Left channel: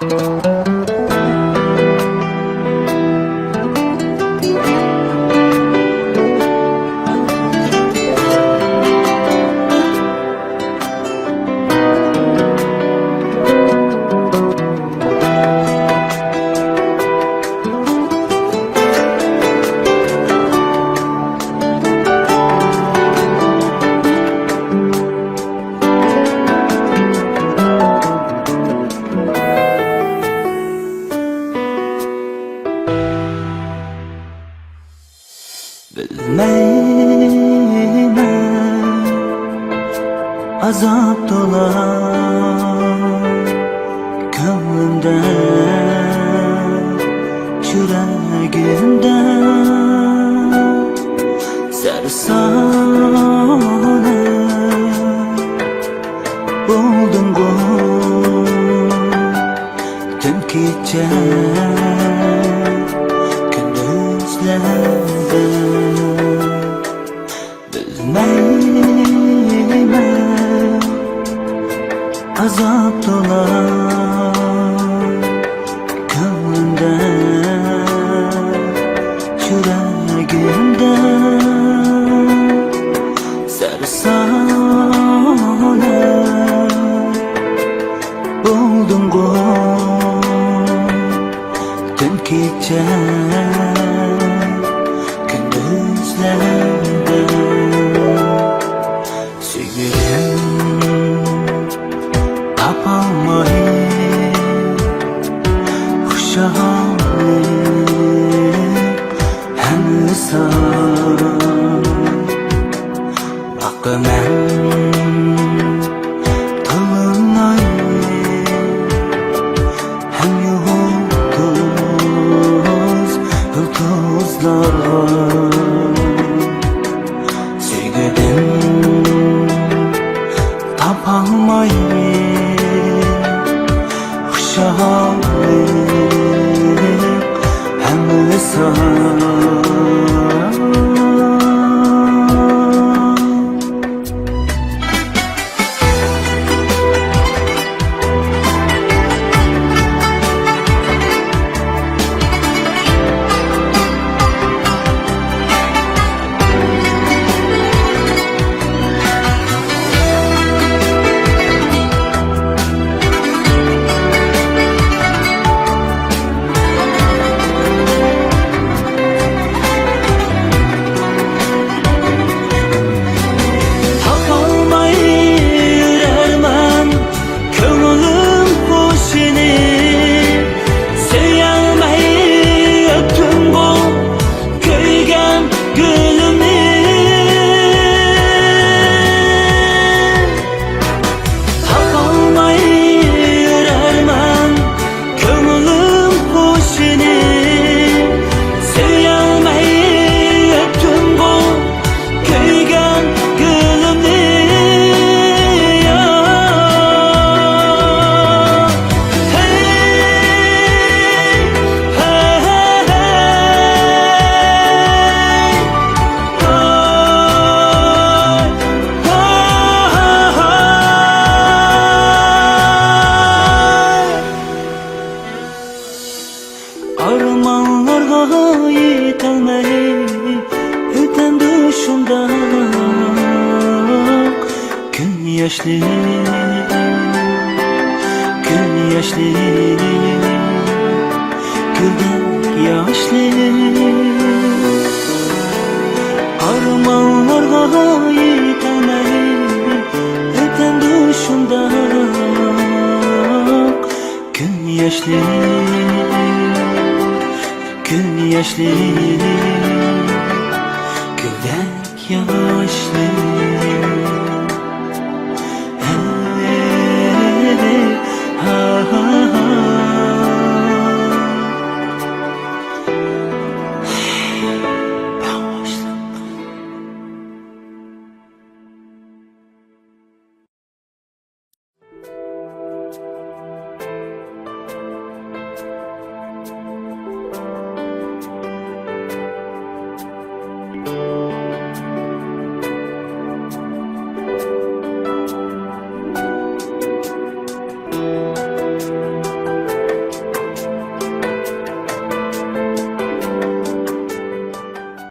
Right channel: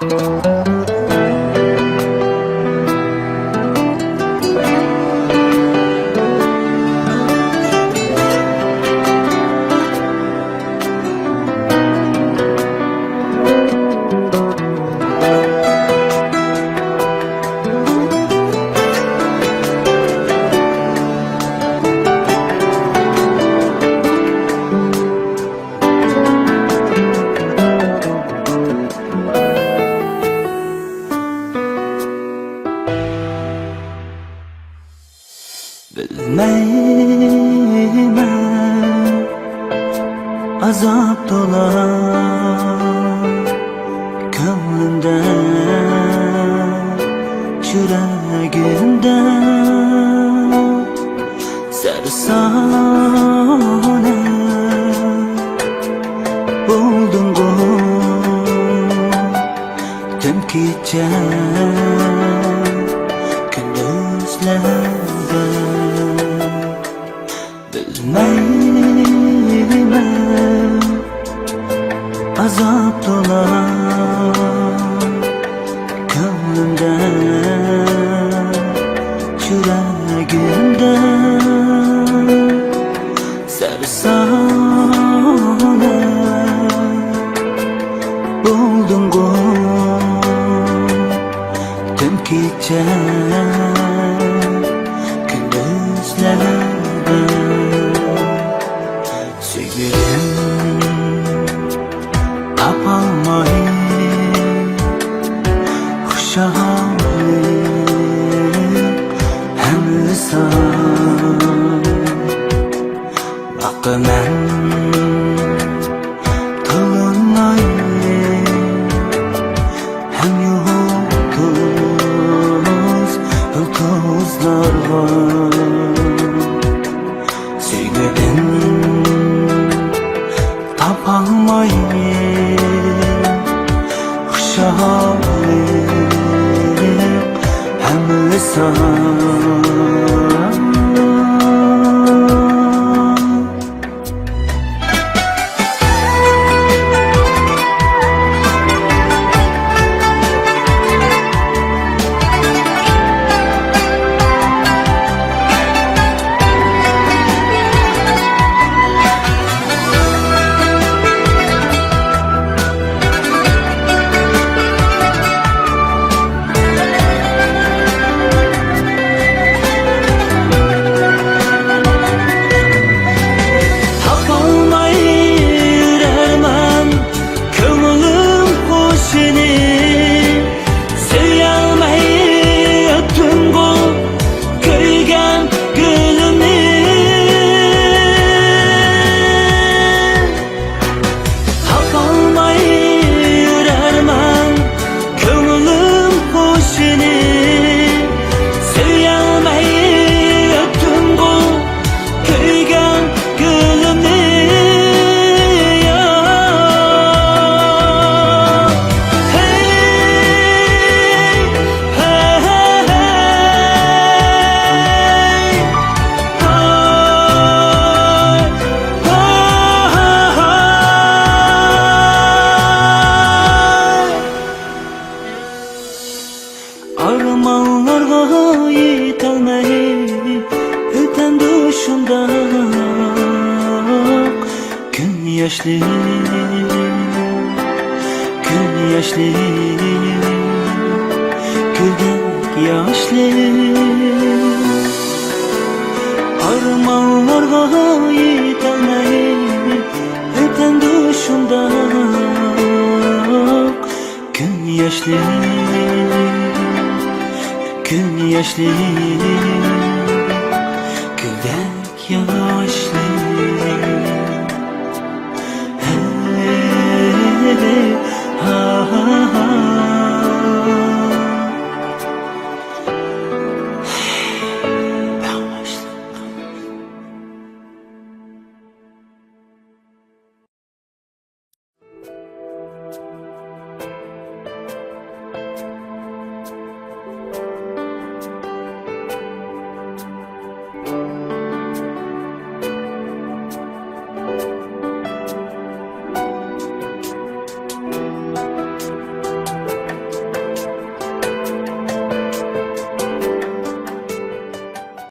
Bilmeymen azap dolar gönlümde, yüreğimde sersane buldum bu tüm gece gündüzlerde. Bilmeymen azap dolar gönlümde, yüreğimde sersane buldum bu tüm gece gündüzlerde. Sevgilim tapalmayıp kuşağım hem lisan bakı men tılınayım hem yıldızlar var. Sevgilim tapalmayıp kuşağım hem lisan. Armanlarga yetolmay öten düşümde gün yaşlı, gün yaşlı, gülden yaşlı. Armanlarga yetolmay öten düşümde gün yaşlı, gün yaşlı, güldek yaşlı. Hey, ha ha ha.